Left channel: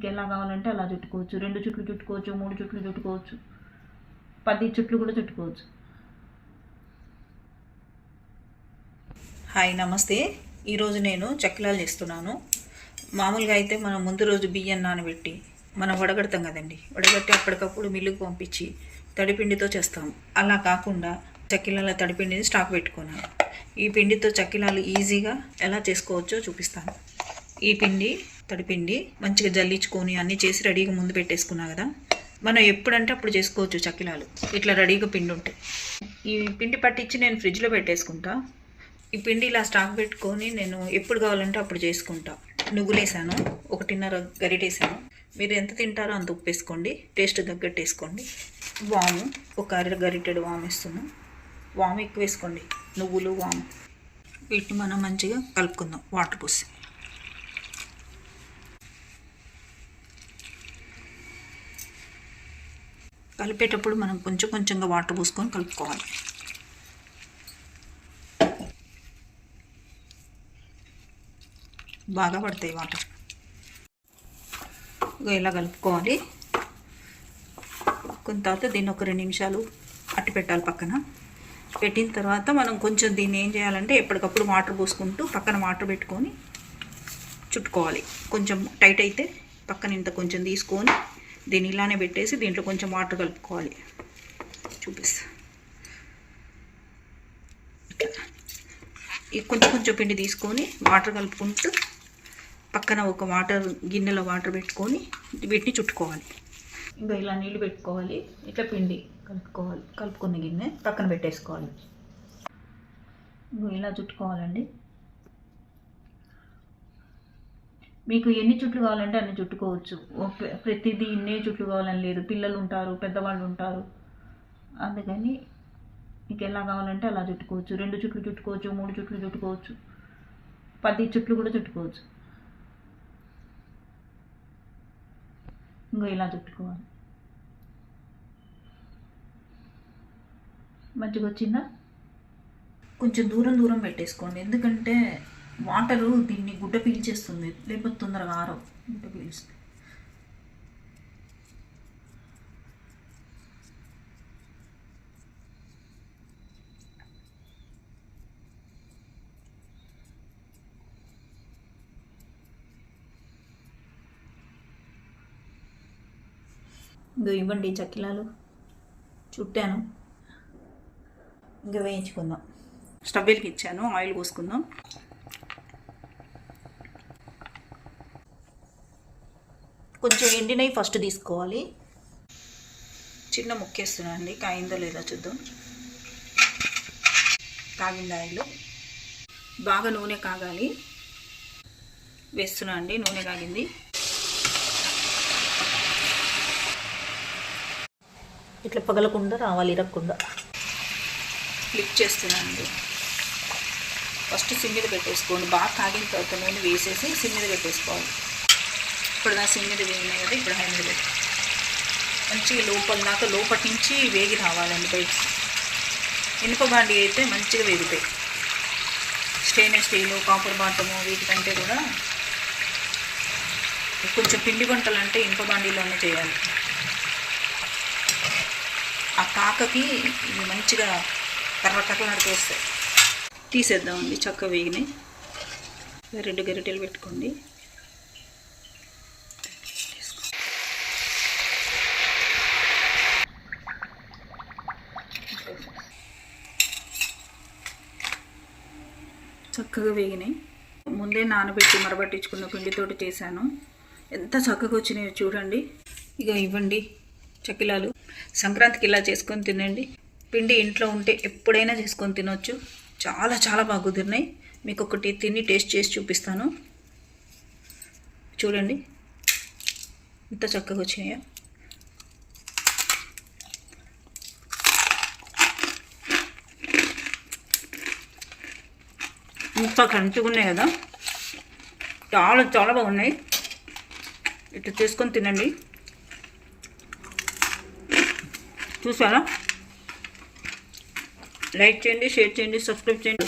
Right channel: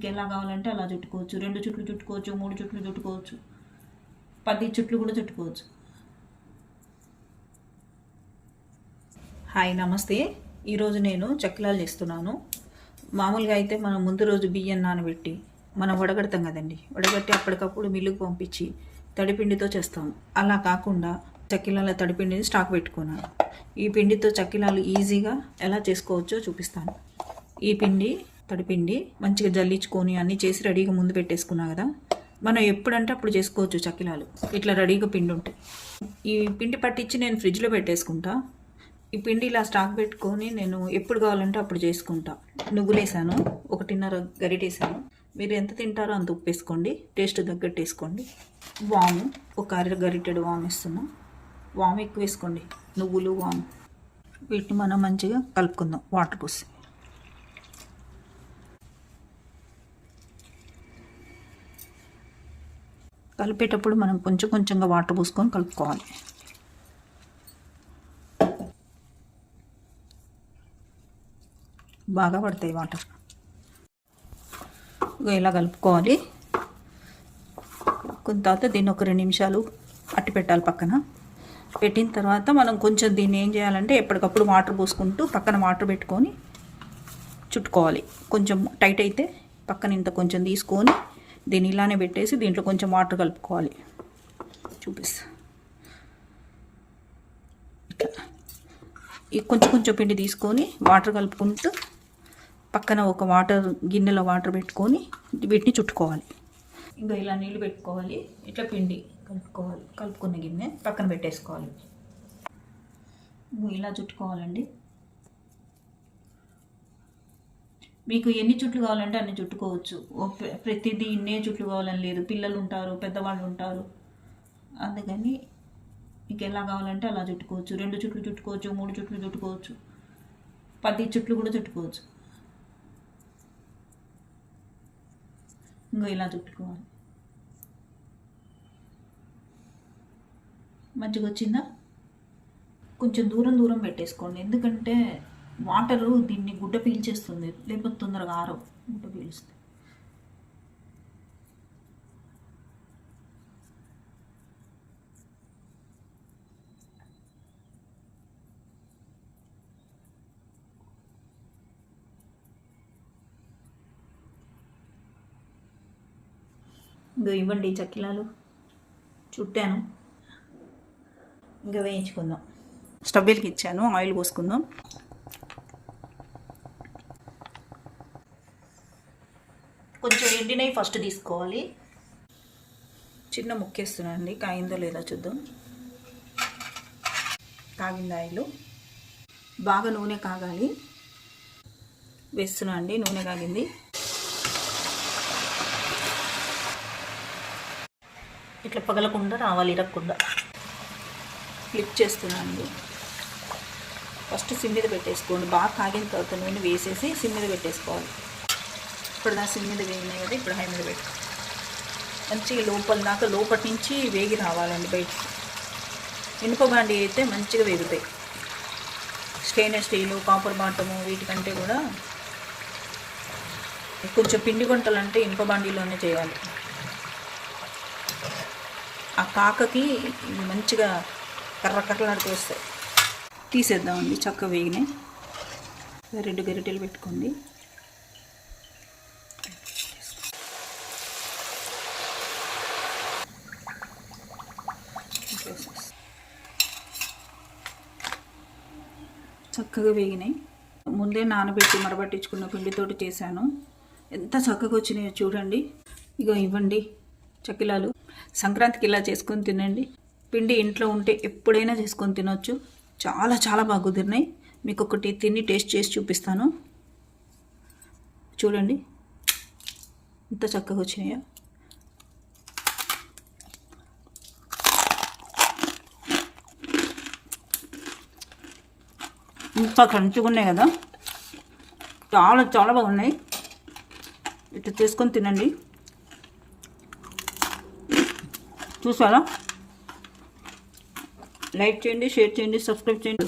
మీకు ఎలా కావాలంటే అలా చుట్టుకోవచ్చు. 2 చుట్లు చుట్టుకోవచ్చు, 3 చుట్లు చుట్టుకోవచ్చు, 10 చుట్లు కూడా చుట్టుకోవచ్చు. హాయ్, నమస్తే. ఈరోజు నేను చక్కిలాలు చేస్తున్నాను. మామూలుగా అయితే మనం ముందు రోజు బియ్యం నానబెట్టి మనం వడగడతాం కదండి. వడగట్టి అప్పటికప్పుడు మిల్లుకు పంపించి తడిపిండితో చేస్తాము. అలా కాకుండా చక్కిలాల తడిపిండిని స్టాక్ పెట్టుకున్నాను. ఈ పిండితో చక్కిలాలు ఈజీగా ఎలా చేసుకోవచ్చో చూపిస్తాను. ఈ పిండి తడిపిండి మంచిగా జల్లించుకొని అన్నీ చేసి రెడీగా ముందు పెట్టేసుకున్నా కదా. మనం ఎప్పుడంటే అప్పుడు చేసుకోవచ్చు చక్కిలాలు. ఇట్లా రెడీగా పిండి ఉంటాయి. ఈ పిండి పట్టించి నేను ఫ్రిడ్జ్లో పెట్టేసుకుంటా. ఈ పిండి ఇలా స్టాక్ పెట్టుకొని నేను ఎప్పుడు కావాలంటే అప్పుడు చేసుకుంటా. నువ్వులేసాను, 1.5 గరిటేసాను. మీరు ఎంత తింటారో అంత ఉప్పు వేసుకోండి, టేస్ట్ తగ్గట్టు వేసుకోండి. వాము 1 గరిటెడు వాము వేస్తున్నాం. వాము ఎక్కువ వేసుకోండి, నువ్వులు వాము. వీటిని మనం మంచిగా కలుపుకుందాం వాటర్ పోసి. కలిపేటప్పుడు మనం కొంచెం కొంచెంగా వాటర్ పోసుకొని కలుపుకోవాలి. బాగా పడతాయి వాటర్. ఇలా కలుపుకోవాలి. కొంత తర్వాత దీన్ని ఒక 2 నిమిషాలు అట్టి పెట్టాలి పక్కన. పెట్టిన తర్వాత మనం కొంచెం దీన్ని ఏం చేయాలంటే ఎప్పటికప్పుడు వాటర్ పోసుకుంటూ పక్కన వాటర్ పెట్టుకొని చుట్టుకోవాలి. కొంచెం టైట్ అయితే పక్కన ఇంత కొంచెం తీసుకొని దీన్ని ఇలానే పెట్టేసి దీంట్లో కొంచెం వాటర్ కలుపుకోవాలి. చూపిస్తా. ఈ కొంచెం కొంచెం పిండి తీసుకొని వాటర్ కలుపుకుంటూ పక్కన ఒక గిన్నెలో వాటర్ పెట్టుకొని వీటిని చుట్టుకోవాలి. ఇంకా ఇలా నీళ్ళు పెట్టుకోవాలి. ఇట్లా పిండి కలుపుకోవాలి. కలుపుకున్న గిన్నె పక్కన పెట్టేసుకోవాలి. ఇలా చుట్టుకోవాలండి. మీకు ఎన్ని చుట్లు కావాలంటే అన్ని చుట్టుకోవచ్చు. ప్రతిదీ ఇన్నే చుట్లు కావాలని లేదు. పిల్లలు ఉంటారు, పెద్దవాళ్ళు ఉంటారు. అందుకని మీకు ఎలా కావాలంటే అలా చుట్టుకోవచ్చు. 2 చుట్లు చుట్టుకోవచ్చు, 3 చుట్లు చుట్టుకోవచ్చు, 10 చుట్లు కూడా చుట్టుకోవచ్చు. ఇలా చుట్టుకోవాలి. మంచిగా వచ్చిందా? కొంచెం దూరం పెట్టేసుకోండి. ఎందుకంటే వాటరు దీన్ని గుడ్డ పీల్చేస్తుంది, లేకపోతే తొందరగా ఆరవు. గుడ్డ పీల్స్తుంది. ఇంకా ఇవ్వండి చక్కిలాలు చుట్టాను. ఇంకా వేయించుకుందాం. స్టవ్ వెలిగించాను, ఆయిల్ పోసుకుందాం. కొంచెం ఎండినవి ఫస్ట్ తీసుకోవాలి. చిన్న ముక్కేస్తున్నా అండి, కాయిందో లేదో చూద్దాం. కాగింది ఆయిల్. బాగా నూనె కాగాలి. వేస్తున్నా అండి, నూనె కాగింది. ఇట్లా పగలకుండా రావాలి, ఇరగకుండా. ఫ్లిప్ చేస్తున్నానండి. ఫస్ట్ సిమ్ మీద పెట్టేసుకోండి. బాగా కాగిన తర్వాత నూనె వేసేసి సిమ్ మీద పెట్టేసుకోవాలి. ఇప్పుడు నా సిమ్ మీద వేగినాయి కదా, ఇప్పుడు హై మీద పెట్టి మంచిగా లోపటి నుంచి వేగి రావాలండి బయటికి. ఇనుప బాండి అయితే మంచిగా వేగుతాయి. స్టెయిన్లెస్ స్టీలు, కాపర్ బాటము వీటికంటే కూడా కొంచెం పిండి వంటలంటే ఇనుప బాండీలోనే చేయాలి. ఆ కాకకి ఇవి మంచిగా కర్రకర్రలాడికేస్తాయి. తీసేద్దామండి. చక్కగా వేగినాయి. 2 గరిటెలు పెట్టుకోండి. చక్కగా వేగినాయి. ముందే నానబెట్టి మరబట్టించుకున్న పిండితోటి చేశాను. ఎంత చక్కగా వచ్చినాయో చూడండి. ఇక ఇవ్వండి చక్కిలాలు. సంక్రాంతికి ఇలా చేసుకొని తినండి. పిండి ఇంట్లో ఉంటే ఎప్పుడైనా చేసుకొని తినొచ్చు. చాలా చాలా బాగా కుదిరినాయి. మీకు ఒకటి తిని టేస్ట్ చేసి చూపిస్తాను. చూడండి ఎంత చక్కగా వచ్చినాయో. ఇంకా క్రంచిగా ఉన్నాయి కదా, చాలా చాలా బాగున్నాయి. ఇట్లా చేసుకొని తినండి. చూసారా? లైక్ చేయండి, షేర్ చేయండి, సబ్స్క్రైబ్ చేయండి.